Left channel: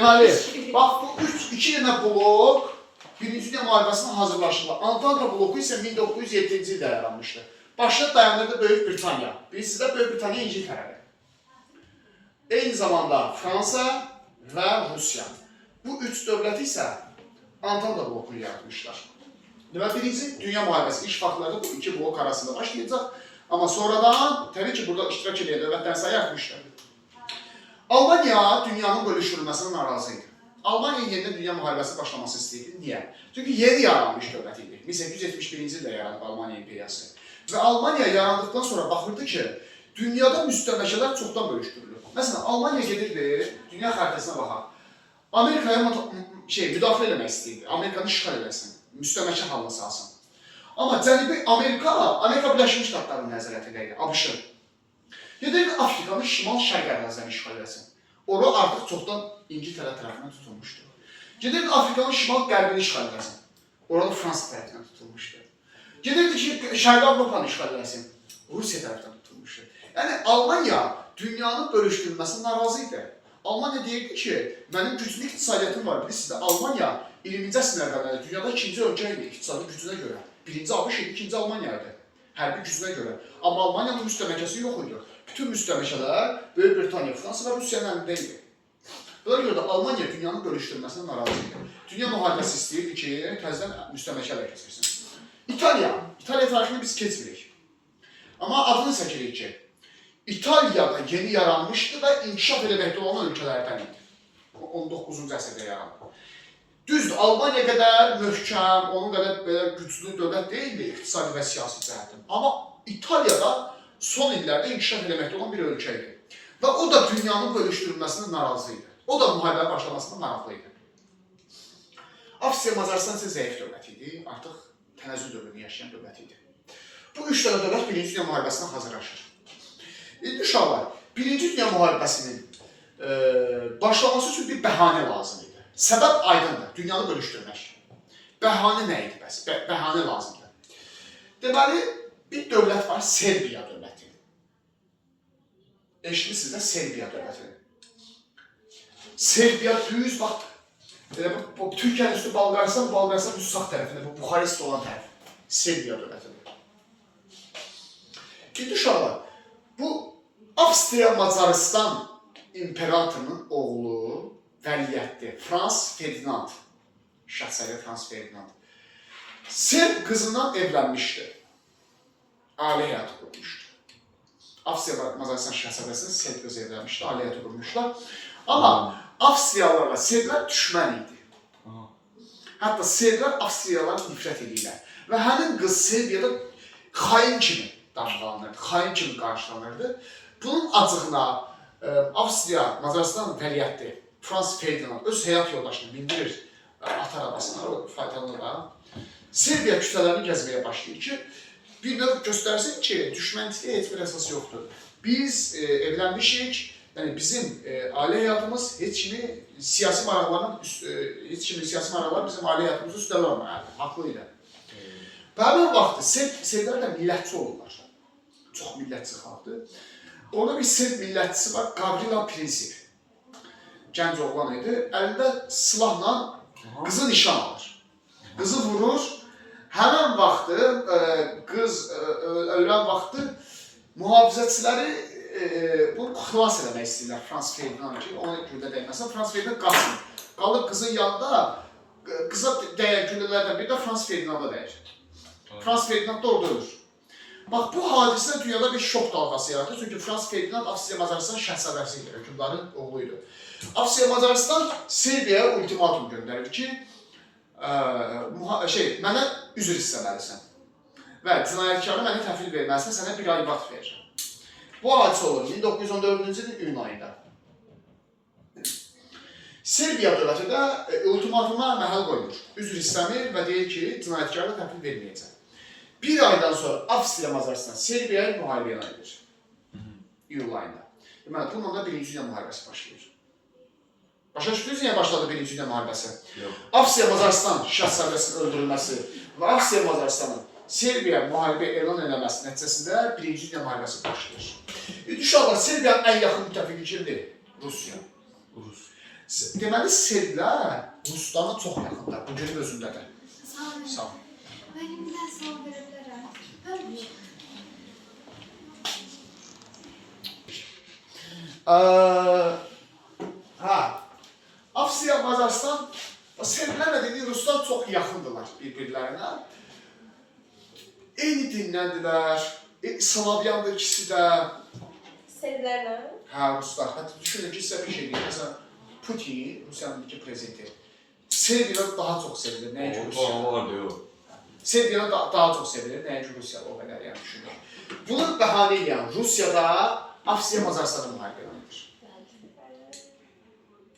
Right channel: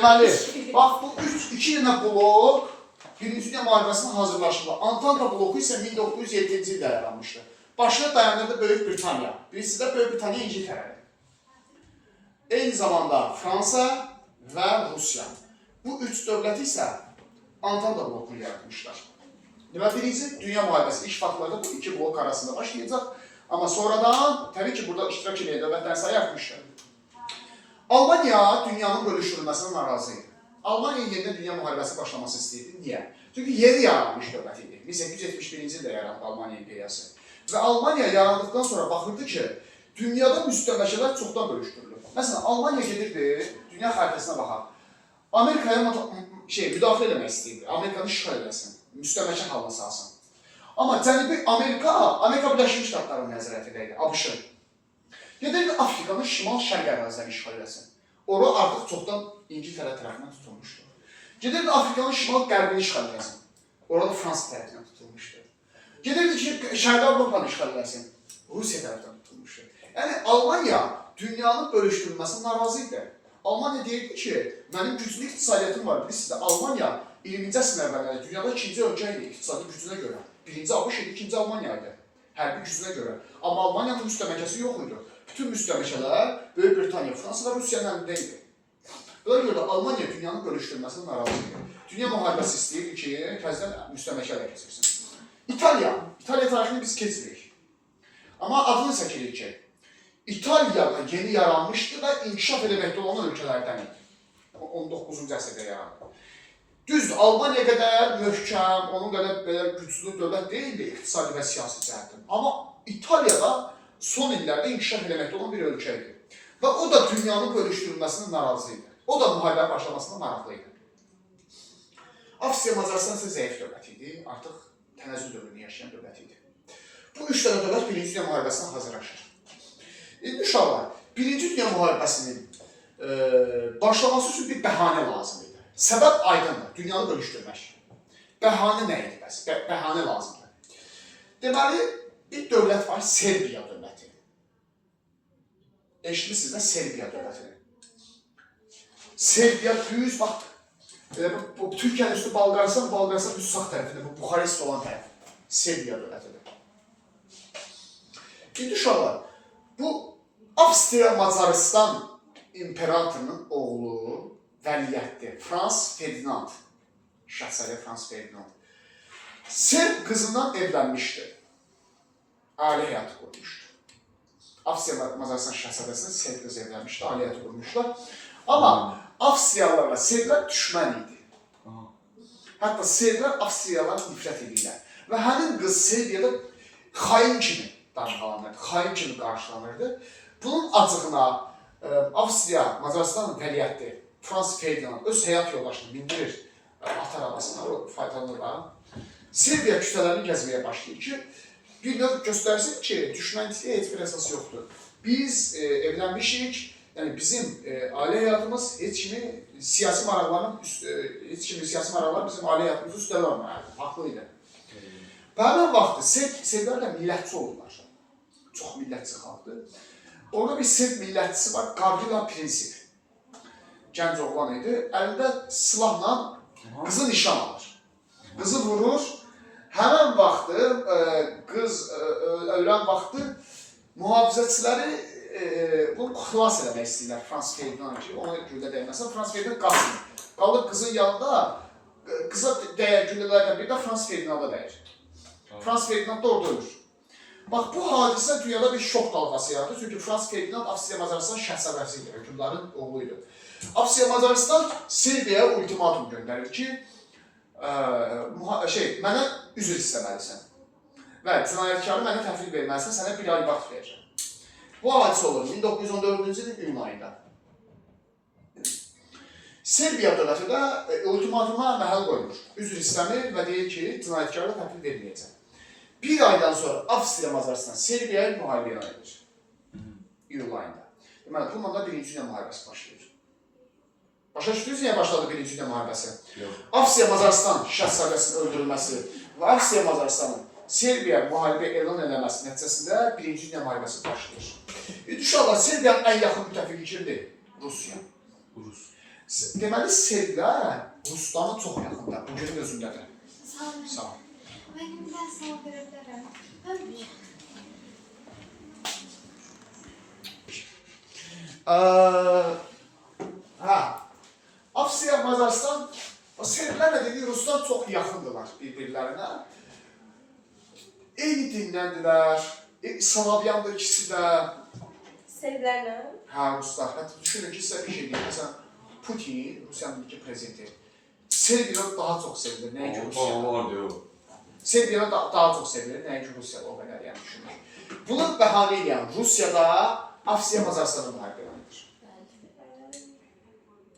Deməli, bax bu iki dənə blok Birinci Dünya müharibəsində hazırlaşırlar. Antanta bloku isə 1907-ci ildə yaranmışdı. Başına dayanırdı Böyük Britaniya. Birisi də Böyük Britaniya İngiltərədir. Eyni zamanda Fransa və Rusiya. Bu üç dövlət isə Antanta blokunu yaratmışlar. Deməli, Birinci Dünya müharibəsi ilk vaxtlarda bu iki blok arasında başlayacaq. Amma sonradan, təbii ki, burada iştirak edən dövlətlər sayı artmışdır. Almanya dünyanın bölüşdürülməsindən narazı idi. Almanya yenidən dünya müharibəsi başlaması istəyirdi. Niyə? Çünki yeni yaranmış dövlət idi. 1871-ci ildə yarandı Almanya imperiyası. Və Almanya yarandıqdan sonra baxırdı ki, dünyada müstəmləkələr çoxdan bölüşdürülür. Məsələn, Almanya gedirdi, dünya xəritəsinə baxar. Amerikaya müdaxilə eləmək istəyirdi. Amerikanı işğal eləsin, müstəmləkə halına salsın. Amma Cənubi Amerika Birləşmiş Ştatlarının nəzarətində idi, ABŞ-ın. Gedirdi Afrikanın şimal-şərq ərazilərini işğal eləsin. Ora artıq çoxdan İngiltərə tərəfindən tutulmuşdu. Gedirdi Afrikanın şimal-qərbini işğal eləsin. Orada Fransa tərəfindən tutulmuşdu. Gedirdi ki, Şərqi Avropanı işğal eləsin. Rusiya tərəfindən tutulmuşdu. Yəni, Almanya dünyanın bölüşdürülməsindən narazı idi. Almanya deyirdi ki, mənim güclü iqtisadiyyatım var. Bilirsiniz də, Almanya 20-ci əsrin əvvəllərində dünyada ikinci ölkə idi iqtisadi gücünə görə. Birinci ABŞ idi, ikinci Almanya idi. Hərbi gücünə görə. Amma Almanyanın müstəmləkəsi yox idi. Bütün müstəmləkələr Böyük Britaniya, Fransa və Rusiyanın əlində idi. Buna görə də Almanya dünyanın bölüşdürülməsindən narazı idi. Dünya müharibəsi istəyirdi ki, təzədən müstəmləkələr keçirsin. İtaliya tarixini biz keçmirik. Amma adını çəkirik ki, İtaliyada yeni yaranmışdı və inkişaf eləməkdə olan ölkələrdən idi. 19-cu əsrdə yarandı. Düzdür, Almaniya qədər möhkəm, onun qədər belə güclü dövlət deyildi iqtisadi və siyasi cəhətdən. Amma İtaliyada son illərdə inkişaf eləməkdə olan bir ölkə idi. Və o da dünyanın bölüşdürülməsindən narazı idi. O da müharibənin başlamasından maraqlı idi. Avstriya Macaristan isə zəif dövlət idi, artıq tənəzzül dövrünü yaşayan dövlət idi. Bu üç dənə dövlət Birinci Dünya müharibəsinə hazırlaşır. İndi uşaqlar, Birinci Dünya müharibəsinin başlaması üçün bir bəhanə lazım idi. Səbəb aydındır, dünyanı bölüşdürmək. Bəhanə nə idi bəs? Bəhanə lazımdır. Deməli, bir dövlət var, Serbiya dövləti. Eşitmişsiniz də Serbiya dövləti. Serbiya düz, bax, Türkiyənin üstü Balqaristan düz sağ tərəfində, bu Buxarest olan tərəf. Serbiya dövlətidir. İndi uşaqlar, bu Avstriya Macaristan imperatorunun oğlu vəliyyətdir. Frans Ferdinand, şahzadə Frans Ferdinand. Serb qızından evlənmişdi. Ailə həyatı qurmuşdu. Avstriya Macaristan şahzadəsinin Serb qızı evlənmişdi, ailə həyatı qurmuşlar. Amma Avstriyalarla Serblər düşmən idi. Hətta Serblər Avstriyalara nifrət edirlər. Və həmin qız Serbiyada xain kimi damğalanırdı, xain kimi qarşılanırdı. Bunun acığına Avstriya Macaristan vəliyyəti Frans Ferdinand öz həyat yoldaşını bindirir at arabasına, o faydalanırlar. Serbiya küçələrini gəzməyə başlayır ki, bir növ göstərsin ki, düşmənçiliyə heç bir əsas yoxdur. Biz evlənmişik, yəni bizim ailə həyatımız heç kimi siyasi maraqlarla bizim ailə həyatımızı üstələ olmalıdır, haqlı ilə. Və həmin vaxtı Serblər də millətçi olurlar. Çox millətçi xalqdır. Orada bir Serb millətçisi var, Gavrila Princip. Gənc oğlan idi. Əlində silahla qızı nişan alır. Qızı vurur. Həmən vaxtı, qız ölən vaxtı mühafizəçiləri bunu xilas eləmək istəyirlər Frans Ferdinand ki, ona güllə dəyməsin. Frans Ferdinand qaçsın. Qalır qızın yanında, qıza dəyər güllələrdən biri də Frans Ferdinanda dəyər. Frans Ferdinand da orada ölür. Bax, bu hadisə dünyada bir şok dalğası yaradır. Çünki Frans Ferdinand Avstriya Macaristan şəhzadəsi idi, hökümdarın oğluydu. Avstriya Macaristan Serbiyaya ultimatum göndərir ki, mənə üzr istəməlisən və cinayətkarı mənə təhvil verməlisən, sənə bir ay vaxt verirəm. Bu hadisə olur 1914-cü ilin iyun ayında. Serbiya dövləti də ultimatuma məhəl qoymur. Üzr istəmir və deyir ki, cinayətkarı təhvil verməyəcək. Bir aydan sonra Avstriya Macaristan Serbiyaya müharibə elan edir. İyul ayında. Deməli, bununla da Birinci Dünya müharibəsi başlayır. Başa düşdünüz niyə başladı Birinci Dünya müharibəsi? Avstriya Macaristan şahzadəsinin öldürülməsi və Avstriya Macaristanın Serbiya müharibə elan eləməsi nəticəsində Birinci Dünya müharibəsi başlayır. Uşaqlar, Serbiyanın ən yaxın müttəfiqi kimdir? Rusiya. Deməli, serblər Ruslarla çox yaxındır, bu günün özündə də. Sağ ol. Mən indi sual verə bilərəm. Avstriya, Macaristan, serblərlə dediyi Ruslar çox yaxındırlar bir-birlərinə. Eyni dinləndilər, Slavyandır ikisi də. Serblərlə? Hə, Ruslar. Hətta düşünün ki, sizə bir şey deyim. Məsələn, Putin, Rusiyanın iki prezidenti, Serbiyadan daha çox sevilir, nəyə ki Rusiya. Serbiyadan daha çox sevilir, nəyə ki Rusiya o qədər yəni düşünür. Bunu bəhanə edən Rusiyada Avstriya Macaristanı müharibə edir.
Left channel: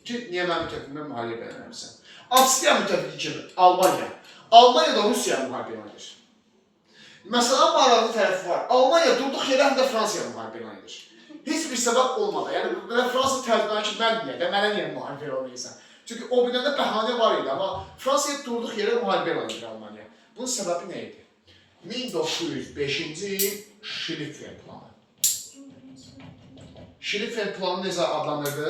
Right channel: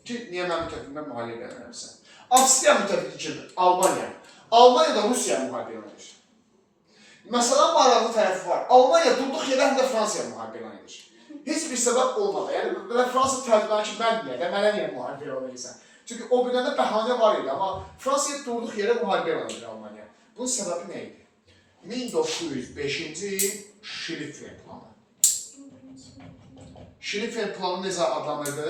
Ki, niyə mən müttəfiqimlə müharibə eləmirsən? Avstriya müttəfiqi kimi Almaniya. Almaniya da Rusiyaya müharibə edir. Məsələn, maraqlı tərəfi var. Almaniya durduq yerə həm də Fransaya müharibə edir. Heç bir səbəb olmadı. Yəni, Fransa tərcümanı ki, mən niyə də, mənə niyə müharibə eləyirsən? Çünki o birində bəhanə var idi, amma Fransaya durduq yerə müharibə edir Almaniya. Bunun səbəbi nə idi? 1905-ci il Şlifen planı. Şlifen planı necə adlanırdı?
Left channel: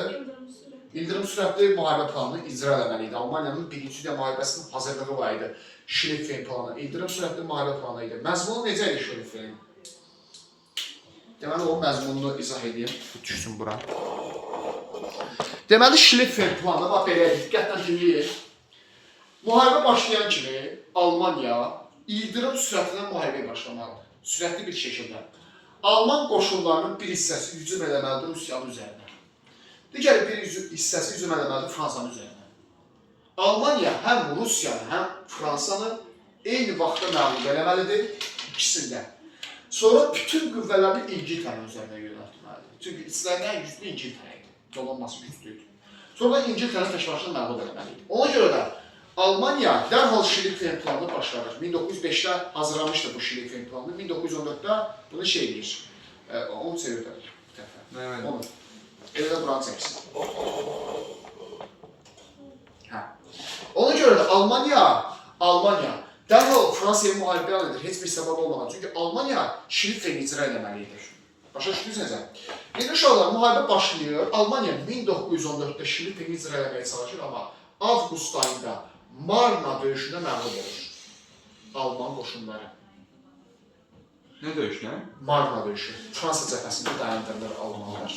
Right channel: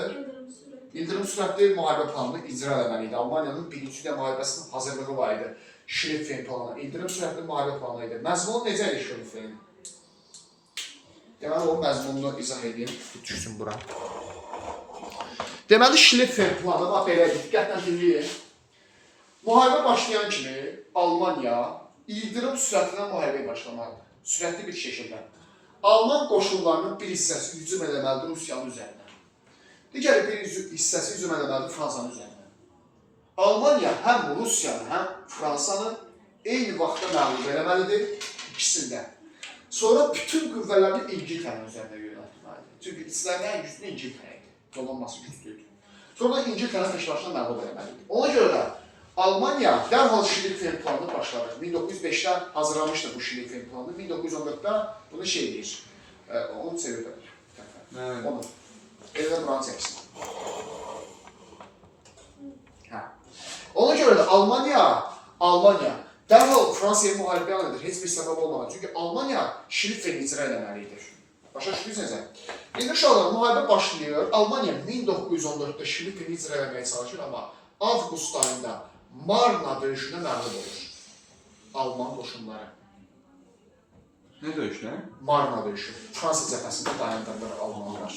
İldırım sürətli müharibə planını icra eləməli idi. Almaniyanın birinci dünya müharibəsinin hazırlığı var idi. Şlifen planı, İldırım sürətli müharibə planı idi. Məzmunu necə idi Şlifen? Deməli, o məzmununu izah edeyim, düşsün bura. Deməli, Şlifen planı da belədir, diqqətlə dinləyin. Müharibə başlayan kimi Almaniya ildırım sürətindən müharibəyə başlamalıdır. Sürətli bir şəkildə. Alman qoşunlarının bir hissəsi hücum eləməlidir Rusiyanın üzərinə. Digər bir hissəsi hücum eləməlidir Fransanın üzərinə. Almaniya həm Rusiyanı, həm Fransanı eyni vaxtda məğlub eləməlidir, ikisində. Sonra bütün qüvvələrini İngiltərənin üzərində yönəltməlidir. Çünki içlərindən güclü İngiltərə idi. Dolanması güclüydü. Sonra İngiltərə təşkilatını məğlub eləməlidir. Ona görə də Almaniya dərhal Şlifen planını başladır. 1905-də hazırlamışdı bu Şlifen planını. 1914-də bunu şey edir. Onu sevirdi bir dəfə. Onu. Elə buranı çəksin. Ona görə də Almaniya dərhal Fransaya müharibə edir, heç bir səbəb olmadan. Çünki Almaniya Şlifeni icra eləməlidir. Başa düşdünüzsə? İndi uşaqlar, müharibə başlayır. Almaniya 1914-də Şlifeni icra eləməyə çalışır, amma avqust ayında Marna döyüşündə məğlub olur. Alman qoşunları. Nə döyüşlər? Marna döyüşü. Fransa cəbhəsində dayandırılır Almanlar.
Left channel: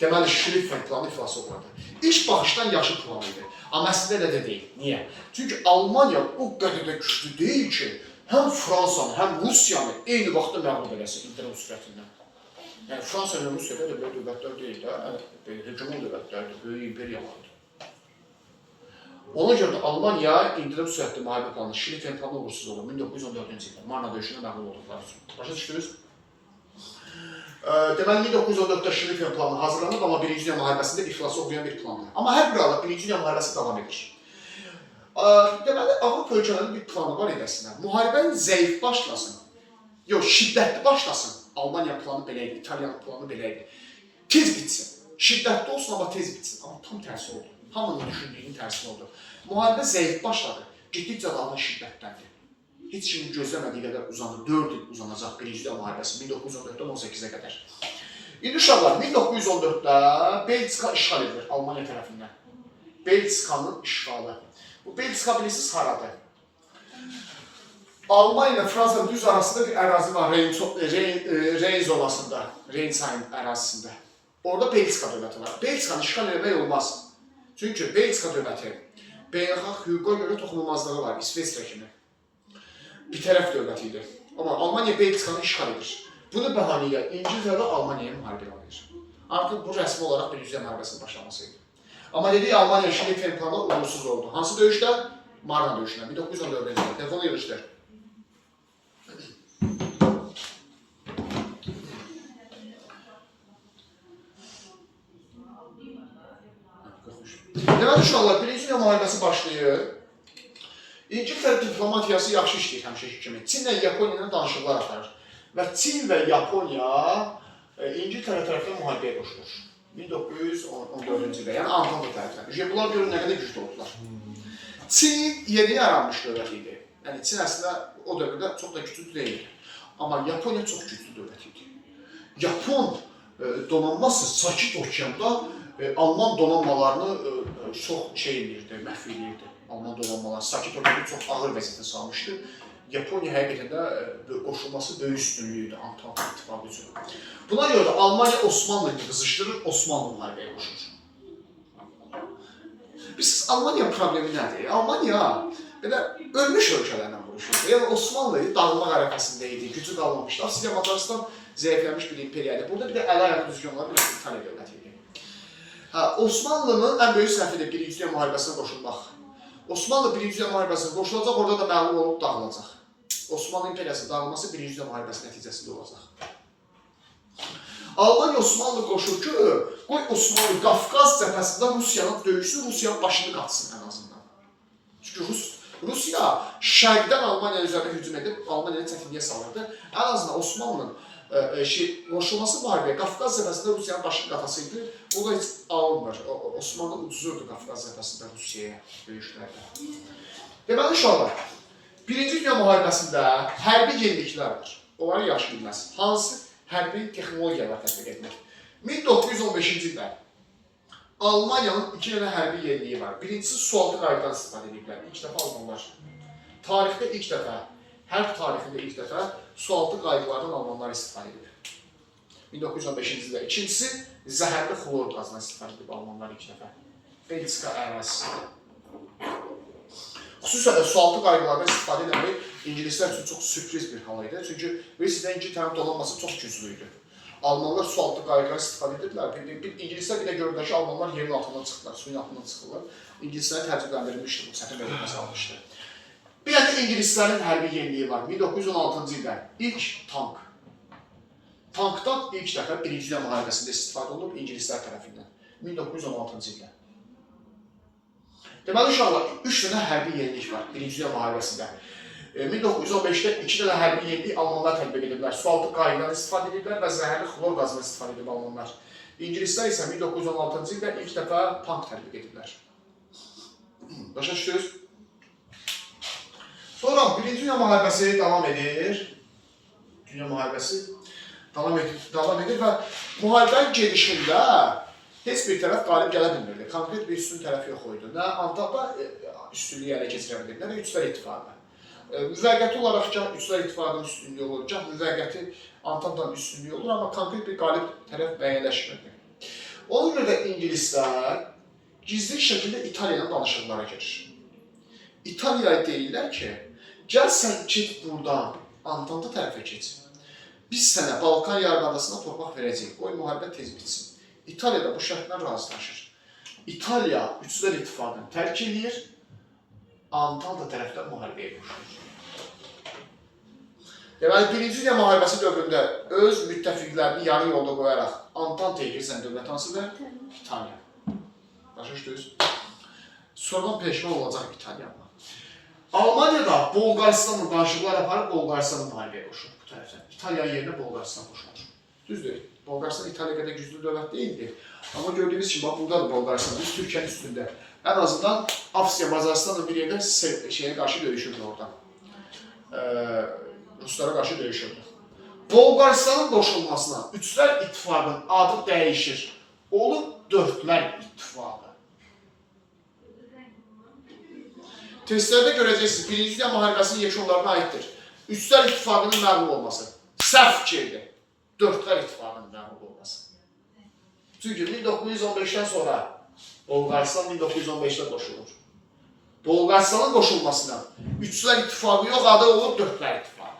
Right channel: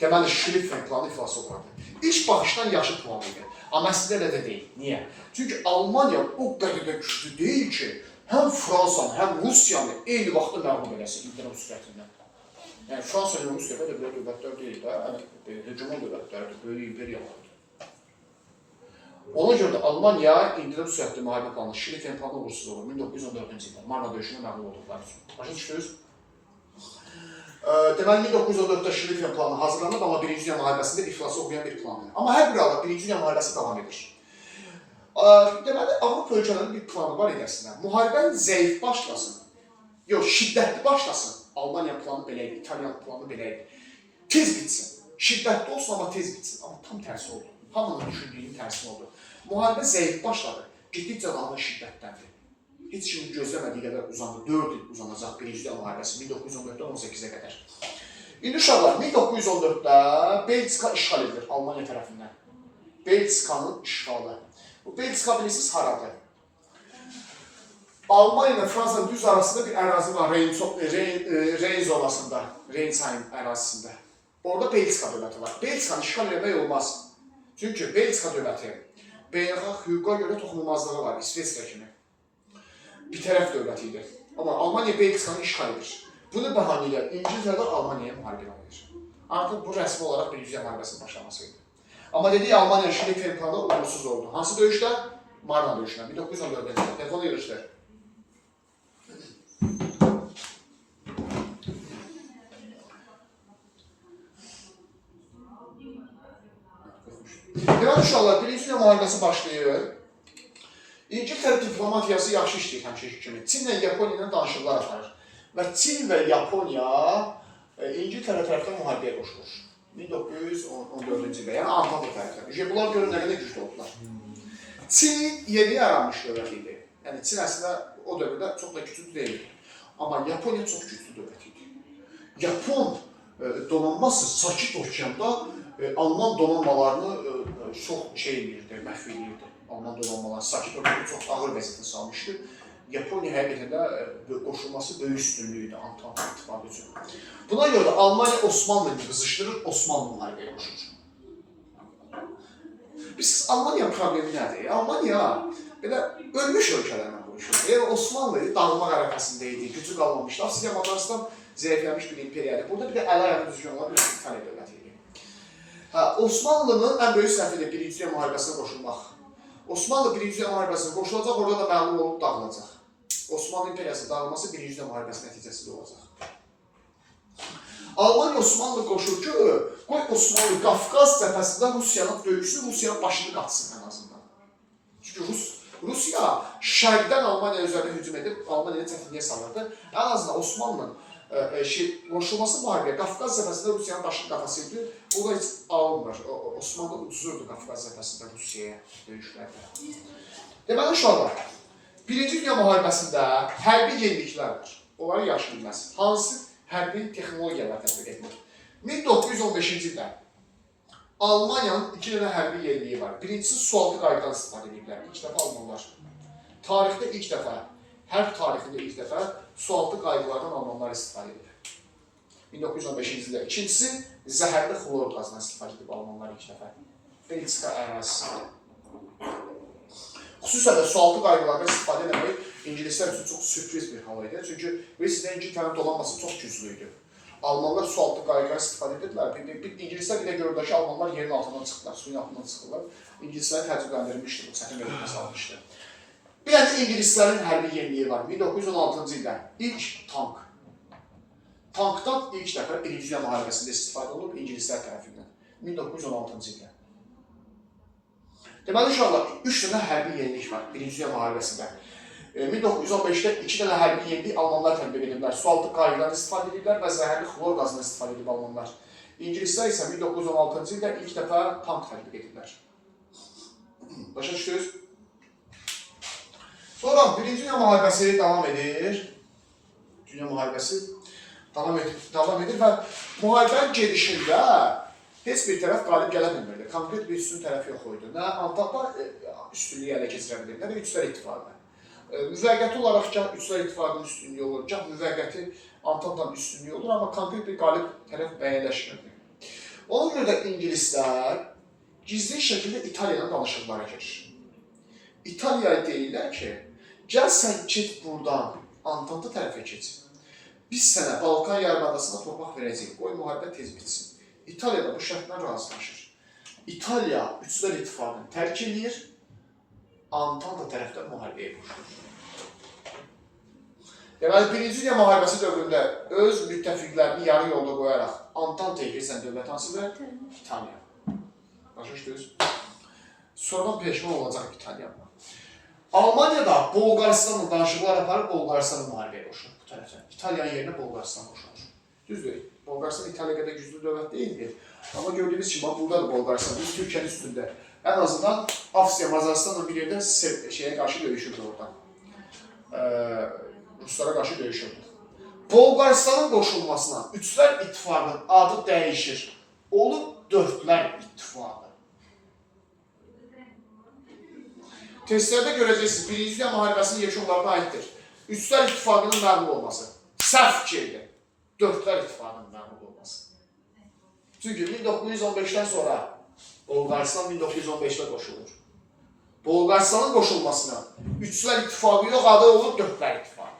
Deməli, Şlifen planı iflas olmadı. İlk baxışdan yaxşı plan idi. Amma əslində elə də deyil. Niyə? Çünki Almaniya o qədər də güclü deyil ki, həm Fransanı, həm Rusiyanı eyni vaxtda məğlub eləsin ildırım sürətindən. Yəni, Fransa və Rusiya da belə dövlətlər deyil də, hegemon dövlətlərdir, böyük imperiyalardır. Ona görə də Almaniya ildırım sürətli müharibə planı, Şlifen planı uğursuz olur 1914-cü ildə, Marna döyüşündə məğlub olduqları üçün. Başa düşdünüz? Deməli, 1914-də Şlifen planı hazırlanıb, amma Birinci Dünya müharibəsində iflası olmayan bir plandır. Amma hər bir halda Birinci Dünya müharibəsi davam edir. Deməli, Avropa ölkələrinin bir planı var edəsinə. Müharibəni zəif başlasın, yox, şiddətli başlasın. Almaniya planı belə idi, İtalyan planı belə idi. Tez bitsin. Şiddətli olsun, amma tez bitsin. Amma tam tərsi oldu. Hamının düşündüyünün tərsi oldu. Müharibə zəif başladı, getdikcə daha şiddətləndi. Heç kimin gözləmədiyi qədər uzandı. 4 il uzanacaq Birinci Dünya müharibəsi 1914-dən 18-ə qədər. İndi uşaqlar, 1914-də Belçika işğal edilir Almaniya tərəfindən. Belçikanın işğalı. Bu Belçika bilirsiniz haradır? Almaniya ilə Fransanın düz arasında bir ərazi var, Reyn zonasında, Reyn çayının ərazisində. Orada Belçika dövləti var. Belçikanı işğal etmək olmaz. Çünki Belçika dövləti beynəlxalq hüquqa görə toxunulmazlığı var, İsveçrə kimi. Bir tərəf dövləti idi. Amma Almaniya Belçikanı işğal edir. Bunu bəhanə ilə İngiltərə Almaniyaya müharibə edir. Artıq bu rəsmi olaraq Birinci Dünya müharibəsinin başlaması idi. Amma dedik Almaniya Şlifen planı uğursuz oldu. Hansı döyüşdə? Marna döyüşündə. 1914-də ildə. Telefonu yığışdır. Deməli uşaqlar, Birinci Dünya müharibəsi başlayır. İngiltərə diplomatiyası yaxşı işləyir həmişəki kimi. Çinlə Yaponiya ilə danışıqlar aparır. Və Çin və Yaponiya İngiltərə tərəfindən müharibəyə qoşulur. 1914-cü ildə, yəni Antanta tərəfindən. Bunlar görün nə qədər güclü oldular. Çin yeni yaranmış dövlət idi. Yəni Çin əslində o dövrdə çox da güclü deyildi. Amma Yaponiya çox güclü dövlət idi. Yapon donanması Sakit okeanda Alman donanmalarını çox məhv edirdi. Alman donanmaları sakit orada çox ağır vəziyyətə salmışdı. Yaponiya həqiqətən də qoşulması böyük üstünlüyü idi Antant İttifaqı üçün. Buna görə də Almaniya Osmanlını qızışdırır, Osmanlı müharibəyə qoşur. Biz Almaniya problemi nədir? Almaniya belə ölmüş ölkələrlə vuruşur. Yəni Osmanlı dağılmaq ərəfəsində idi, gücü qalmamışdı. Avstriya Macaristan zəifləmiş bir imperiyadır. Burada bir də əl-ayaq düzgün olan bir İtaliya dövləti idi. Osmanlının ən böyük səhvidir Birinci Dünya müharibəsinə qoşulmaq. Osmanlı Birinci Dünya müharibəsinə qoşulacaq, orada da məğlub olub dağılacaq. Osmanlı imperiyasının dağılması Birinci Dünya müharibəsi nəticəsində olacaq. Almaniya Osmanlı qoşur ki, qoy Osmanlı Qafqaz cəbhəsində Rusiyanın döyüşsün, Rusiyanın başını qatsın ən azından. Çünki Rusiya şərqdən Almaniya üzərinə hücum edib, Almaniyanı çətinliyə salırdı. Ən azından Osmanlının qoşulması müharibəyə Qafqaz cəbhəsində Rusiyanın başını qatasıydı. O da heç alınmır. Osmanlı ucuzurdu Qafqaz cəbhəsində Rusiyaya döyüşlərdə. Deməli, uşaqlar, Birinci Dünya müharibəsində hərbi yeniliklər var. Onları yaxşı bilməsin. Hansı hərbi texnologiyalar tətbiq edilir? 1915-ci ildə Almaniyanın 2 dənə hərbi yeniliyi var. Birincisi sualtı qaydadan istifadə ediblər. İlk dəfə Almanlar. Tarixdə ilk dəfə, hərb tarixində ilk dəfə sualtı qaydalardan Almanlar istifadə edib. 1915-ci ildə. İkincisi, zəhərli xlor qazından istifadə edib Almanlar ilk dəfə. Belçika ərazisində. Xüsusən də sualtı qaydalardan istifadə etmək İngilislər üçün çox sürpriz bir hal idi. Çünki sizdə İngiltərin donanması çox güclü idi. Almanlar sualtı qaydalardan istifadə edirdilər. İngilislər bir də gördülər ki, Almanlar yerin altından çıxdılar, suyun altından çıxırlar. İngilisləri təəccübləndirmişdi, bu çətin vəziyyətə salmışdı. Bir də İngilislərin hərbi yeniliyi var. 1916-cı ildə ilk tank. Tankdan ilk dəfə Birinci Dünya müharibəsində istifadə olunub İngilislər tərəfindən. 1916-cı ildə. Deməli, uşaqlar, 3 dənə hərbi yenilik var Birinci Dünya müharibəsində. 1915-də 2 dənə hərbi yenilik Almanlar tətbiq ediblər. Sualtı qaydadan istifadə ediblər və zəhərli xlor qazından istifadə edib Almanlar. İngilislər isə 1916-cı ildə ilk dəfə tank tətbiq ediblər. Başa düşdünüz? Sonra Birinci Dünya müharibəsi davam edir. Dünya müharibəsi davam edir və müharibənin gedişində heç bir tərəf qalib gələ bilmirdi. Konkret bir üstün tərəf yox idi. Nə Antanta üstünlüyü ələ keçirə bilirdi, nə də Üçlər İttifaqı. Müvəqqəti olaraq gah Üçlər İttifaqının üstünlüyü olur, gah müvəqqəti Antantanın üstünlüyü olur, amma konkret bir qalib tərəf müəyyənləşmirdi. Ona görə də İngilislər gizli şəkildə İtaliya ilə danışıqlara girir. İtaliyaya deyirlər ki, gəl sən get buradan, Antanta tərəfə keç. Biz sənə Balkan yarımadasına torpaq verəcəyik, qoy müharibə tez bitsin. İtaliya da bu şərtlə razılaşır. İtaliya Üçlər İttifaqını tərk edir, Antanta tərəfdən müharibəyə qoşulur. Deməli, Birinci Dünya müharibəsi dövründə öz müttəfiqlərini yarı yolda qoyaraq Antantaya girsən dövlət hansıdır? İtaliya. Başa düşdünüz? Sonradan peşman olacaq İtaliya. Almaniya da Bolqaristanla danışıqlar aparıb Bolqaristanı müharibəyə qoşulur bu tərəfdən. İtaliyanın yerinə Bolqaristan qoşulur. Düzdür. Bolqaristan İtaliya qədər güclü dövlət deyildir. Amma gördüyünüz kimi, buradadır Bolqaristan, biz Türkiyənin üstündə. Ən azından Avstriya, Macaristanla bir yerdə şeyə qarşı döyüşürdü oradan. Ruslara qarşı döyüşürdü. Bolqaristanın qoşulmasına Üçlər İttifaqının adı dəyişir. Olub Dördlər İttifaqı. Testlərdə görəcəksiniz, Birinci Dünya müharibəsinin yekunlarına aiddir. Üçlər İttifaqının məğlub olması. Səhv fikirdir. Dördlər İttifaqının məğlub olması. Çünki 1915-dən sonra Bolqaristan 1915-də qoşulur. Bolqaristanın qoşulmasına Üçlər İttifaqı yox, adı olur Dördlər İttifaqı.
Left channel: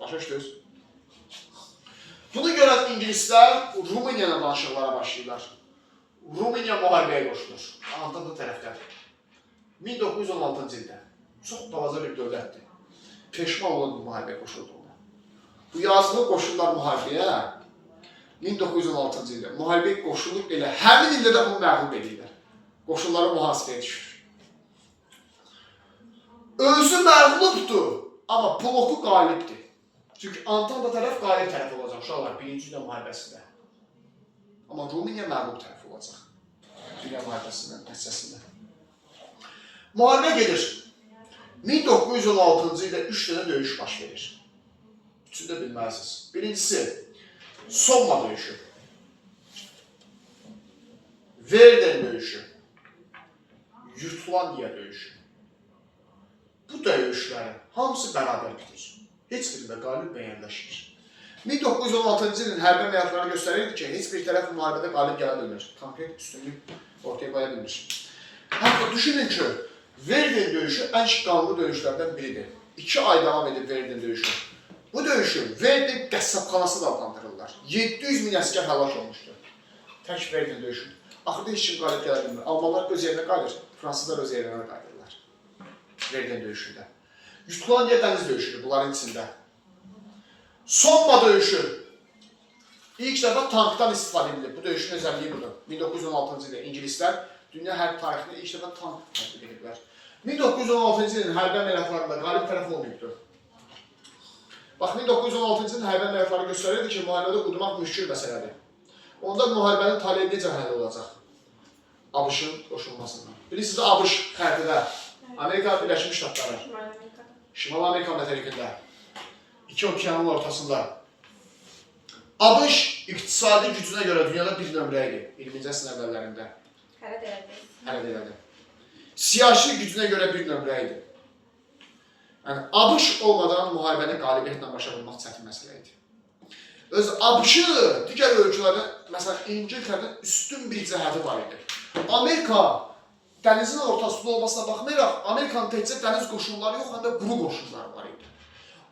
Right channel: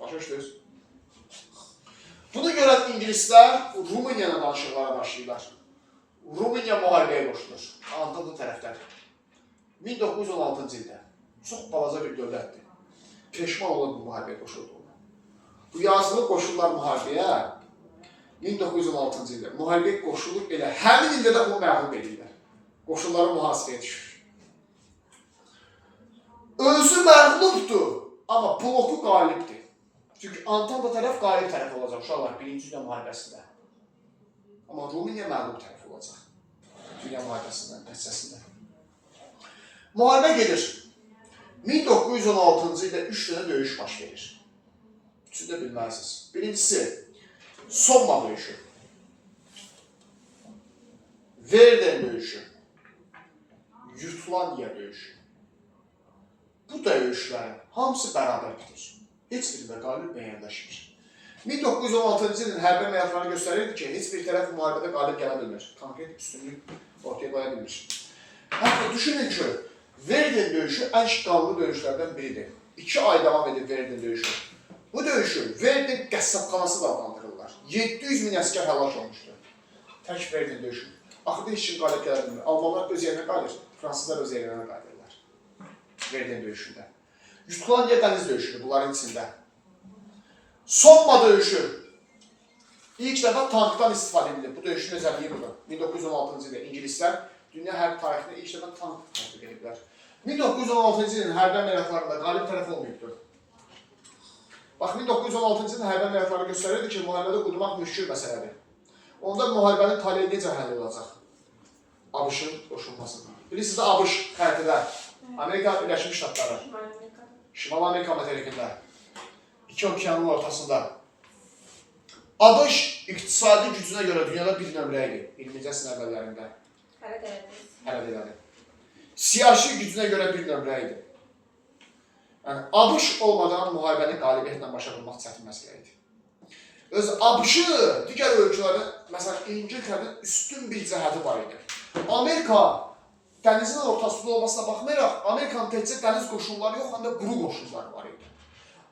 Başa düşdünüz? Bunu görən İngilislər Rumıniya ilə danışıqlara başlayırlar. Rumıniya müharibəyə qoşulur. Antanta tərəfdədir. 1916-cı ildə. Çox balaca bir dövlətdir. Peşman olan bu müharibəyə qoşuldu. Bu yazılı qoşullar müharibəyə 1916-cı ildə. Müharibəyə qoşulur elə. Həmin ildə də bunu məğlub edirlər. Qoşulları mühasirəyə düşür. Özü məğlubdur, amma bloku qalibdir. Çünki Antanta tərəf qalib tərəf olacaq uşaqlar Birinci Dünya müharibəsində. Amma Rumıniya məğlub tərəf olacaq Dünya müharibəsindən, nəticəsində. Müharibə gedir. 1916-cı ildə 3 dənə döyüş baş verir. Üçünü də bilməlisiniz. Birincisi, Somma döyüşü. Verden döyüşü, Jutlandiya döyüşü. Bu döyüşlərin hamısı bərabər bitir. Heç birində qalib müəyyənləşmir. 1916-cı ilin hərbi əməliyyatları göstərirdi ki, heç bir tərəf müharibədə qalib gələ bilmir. Konkret üstünlük ortaya qoya bilmir. Hətta düşünün ki, Verden döyüşü ən qanlı döyüşlərdən biridir. 2 ay davam edib Verden döyüşü. Bu döyüşü Verden qəssabxanası da adlandırırlar. 700 min əskər həlak olmuşdur. Tək Verden döyüşü. Axırda heç kim qalib gələ bilmir. Almanlar öz yerinə qalır, fransızlar öz yerinə qalırlar. Verden döyüşündə. Jutlandiya dəniz döyüşüdür bunların içində. Somma döyüşü. İlk dəfə tankdan istifadə edilir. Bu döyüşün özəlliyi budur. 1916-cı ildə İngilislər dünya hərb tarixində ilk dəfə tank tətbiq ediblər. 1916-cı ilin hərbi əməliyyatlarında qalib tərəf olmayıbdır. Bax, 1916-cı ilin hərbi əməliyyatları göstərirdi ki, müharibədə udmaq müşkül məsələdir. Onda müharibənin taleyi necə həll olacaq? ABŞ-ın qoşulmasından. Bilirsiniz, ABŞ xərtidə, Amerika Birləşmiş Ştatları, Şimal Amerika materikində, 2 okeanın ortasında. ABŞ iqtisadi gücünə görə dünyada bir nömrə idi 20-ci əsrin əvvəllərində. Hələ demədi. Siyasi gücünə görə bir nömrə idi. Yəni, ABŞ olmadan müharibəni qalibiyyətlə başa vurmaq çətin məsələ idi. Öz ABŞ-ı digər ölkələrdə, məsələn, İngiltərədən üstün bir cəhəti var idi. Amerika dənizin ortasında olmasına baxmayaraq, Amerikanın təkcə dəniz qoşunları yox, həm də quru qoşunları var idi.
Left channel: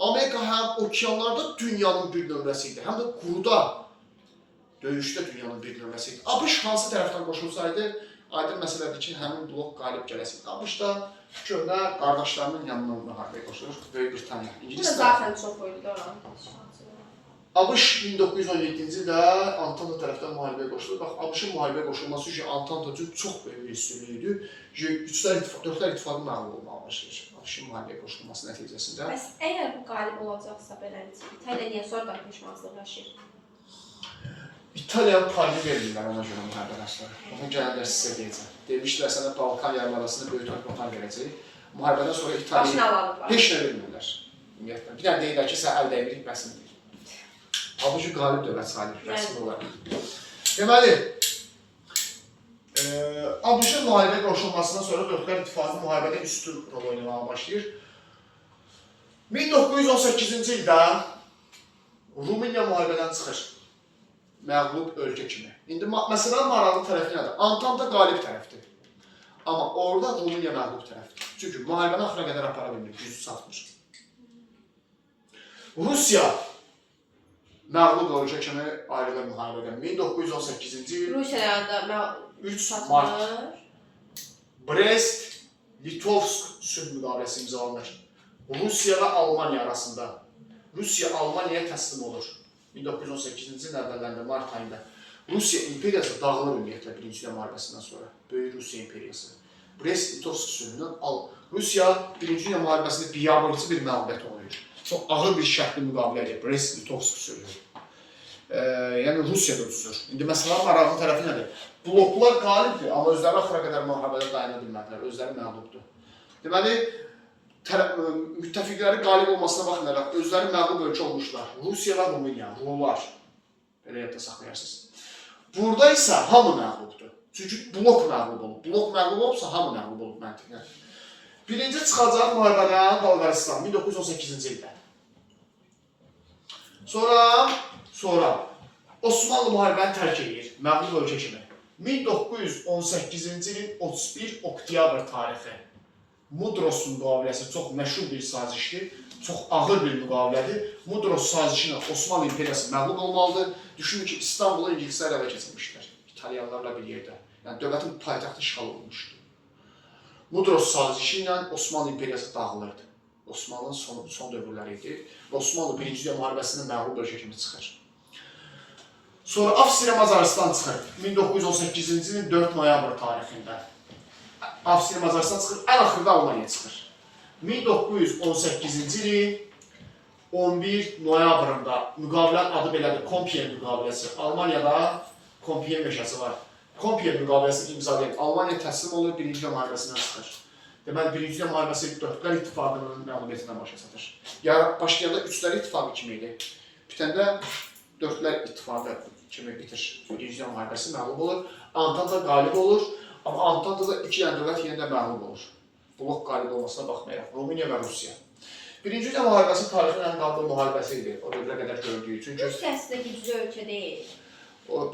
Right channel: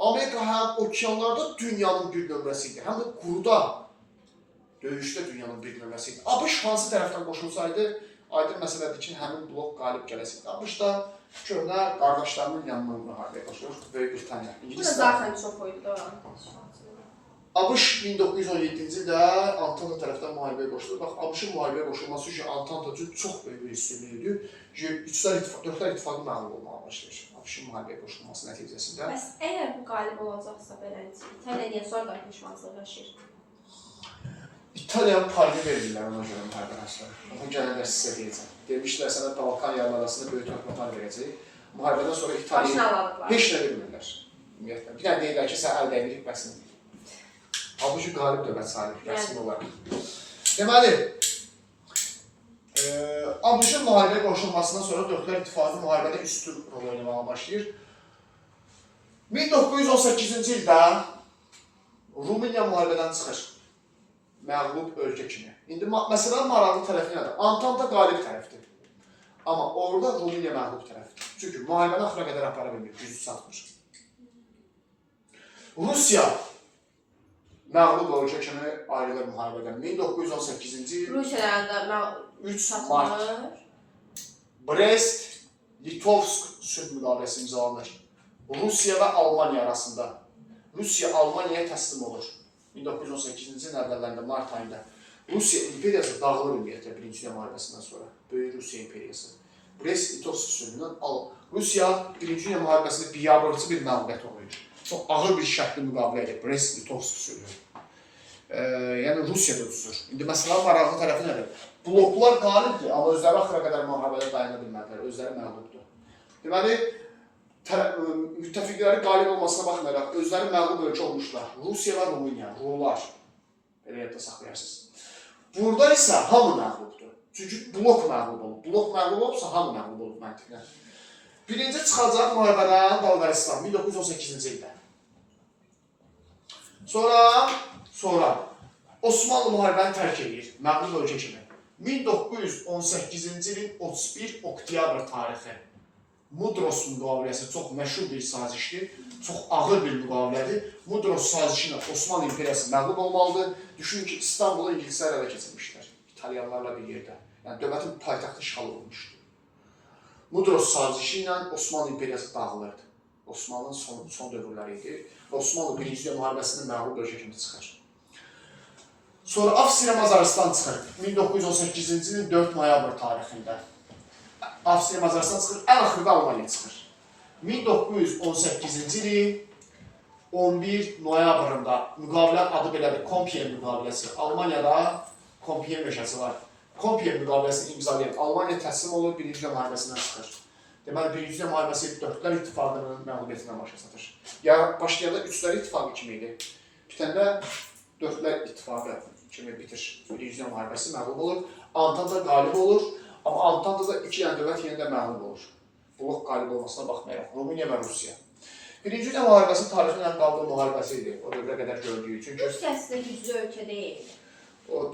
Amerika həm okeanlarda dünyanın bir nömrəsi idi, həm də quruda, döyüşdə dünyanın bir nömrəsi idi. ABŞ hansı tərəfdən qoşulsaydı, aydın məsələdir ki, həmin blok qalib gələsidir. ABŞ da köhnə qardaşlarının yanından müharibəyə qoşulur, Böyük Britaniya. Bu da zaten çox oydu oranın. ABŞ 1917-ci ildə Antanta tərəfdən müharibəyə qoşulur. Bax, ABŞ-ın müharibəyə qoşulması üçün Antanta üçün çox böyük bir üstünlüyü idi. Dörtlər ittifaqı məğlub olmağa başlayır. ABŞ-ın müharibəyə qoşulması nəticəsində. Bəs əgər bu qalib olacaqsa belə, İtaliya niyə sonra qarışmazlıq yaşayır? İtaliyanın payını verirlər ona görə müharibə əsləri. Onu gələnlər sizə deyəcəm. Demişlər sənə Balkan yarımadasında böyük torpaqlar verəcək. Müharibədən sonra İtaliya heç nə vermirlər. Ümumiyyətlə. Bir dənə deyirlər ki, sən əl dəyinlik bəsin. Halbuki qalib dövlət sayılır, rəsmi olaraq. Deməli, ABŞ-ın müharibəyə qoşulmasından sonra Dörtlər İttifaqı müharibədə üstün rol oynamağa başlayır. 1918-ci ildə Rumıniya müharibədən çıxır. Məğlub ölkə kimi. İndi məsələn, maraqlı tərəfi nədir? Antanta qalib tərəfdir. Amma orada Rumıniya məğlub tərəfdir. Çünki müharibəni axıra qədər apara bilmir, gücü satmır. Rusiya məğlub ölkə kimi ayrılır müharibədən. 1918-ci il Rusiyada 3 mart Brest-Litovsk sülh müqaviləsi imzalanır. Rusiya və Almaniya arasında. Rusiya Almaniyaya təslim olur. 1918-ci ilin əvvəllərində, mart ayında. Rusiya imperiyası dağılır ümumiyyətlə Birinci Dünya müharibəsindən sonra. Böyük Rusiya imperiyası. Brest-Litovsk sülhündən Rusiya Birinci Dünya müharibəsində biabırçı bir məğlubiyyət oluyor. Çox ağır bir şərtli müqavilə edir. Brest-Litovsk sülhü. Yəni Rusiya da tutulur. İndi məsələn, maraqlı tərəfi nədir? Bloklar qalibdir, amma özləri axıra qədər müharibədə dayana bilmədilər. Özləri məğlubdur. Deməli, müttəfiqləri qalib olmasına baxmayaraq, özləri məğlub ölkə olmuşlar. Rusiya və Rumıniya, Rumlar. Belə yadda saxlayarsınız. Burada isə hamı məğlubdur. Çünki blok məğlub olub. Blok məğlub olubsa, hamı məğlub olub məntiqlə. Birinci çıxacaq müharibədən Bolqaristan 1918-ci ildə. Sonra Osmanlı müharibəni tərk edir, məğlub ölkə kimi. 1918-ci ilin 31 oktyabr tarixi Mudros müqaviləsi çox məşhur bir sazişdir, çox ağır bir müqavilədir. Mudros sazişi ilə Osmanlı imperiyası məğlub olmalıdır. Düşünün ki, İstanbulu İngilislər ələ keçirmişlər, İtalyanlarla bir yerdə. Yəni, dövlətin paytaxtı işğal olunmuşdur. Mudros sazişi ilə Osmanlı imperiyası dağılırdı. Osmanlının son dövrləri idi. Osmanlı Birinci Dünya müharibəsində məğlub ölkə kimi çıxır. Sonra Avstriya Macaristan çıxır 1918-ci ilin 4 noyabr tarixində. Avstriya Macaristan çıxır, ən axırda Almaniya çıxır. 1918-ci ilin 11 noyabrında müqavilənin adı belədir, Compiègne müqaviləsi. Almaniyada Compiègne meşəsi var. Compiègne müqaviləsini imzalayan Almaniya təslim olur, Birinci Dünya müharibəsindən çıxır. Deməli, Birinci Dünya müharibəsi Dörtlər İttifaqının məğlubiyyətindən başa satır. Başlayanda Üçlər İttifaqı kimi idi. Bitəndə Dörtlər İttifaqı kimi bitir. Birinci Dünya müharibəsi məğlub olur. Antanta qalib olur. Amma Antantada iki dənə dövlət yenə də məğlub olur. Blok qalib olmasına baxmayaraq. Rumıniya və Rusiya. Birinci Dünya müharibəsi tarixin ən qaldığı müharibəsi idi. O dövrə qədər gördüyü. Çünki Rusiya əslində güclü ölkə deyil.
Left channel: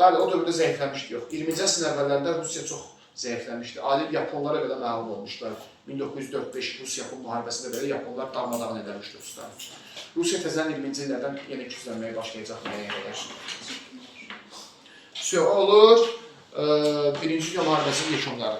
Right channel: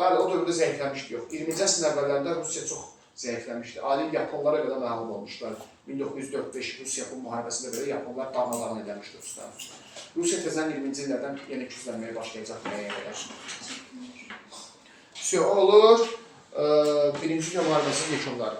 bəli, o dövrdə zəifləmişdi yox. 20-ci əsrin əvvəllərində Rusiya çox zəifləmişdi. Adi Yaponlara belə məğlub olmuşlar. 1904-5 Rus-Yapon müharibəsində belə Yaponlar darmadağın edilmişdi Ruslar. Rusiya təzədən 20-ci illərdən yenə güclənməyə başlayacaq müəyyən qədər. Olur. Birinci Dünya müharibəsinin yekunları.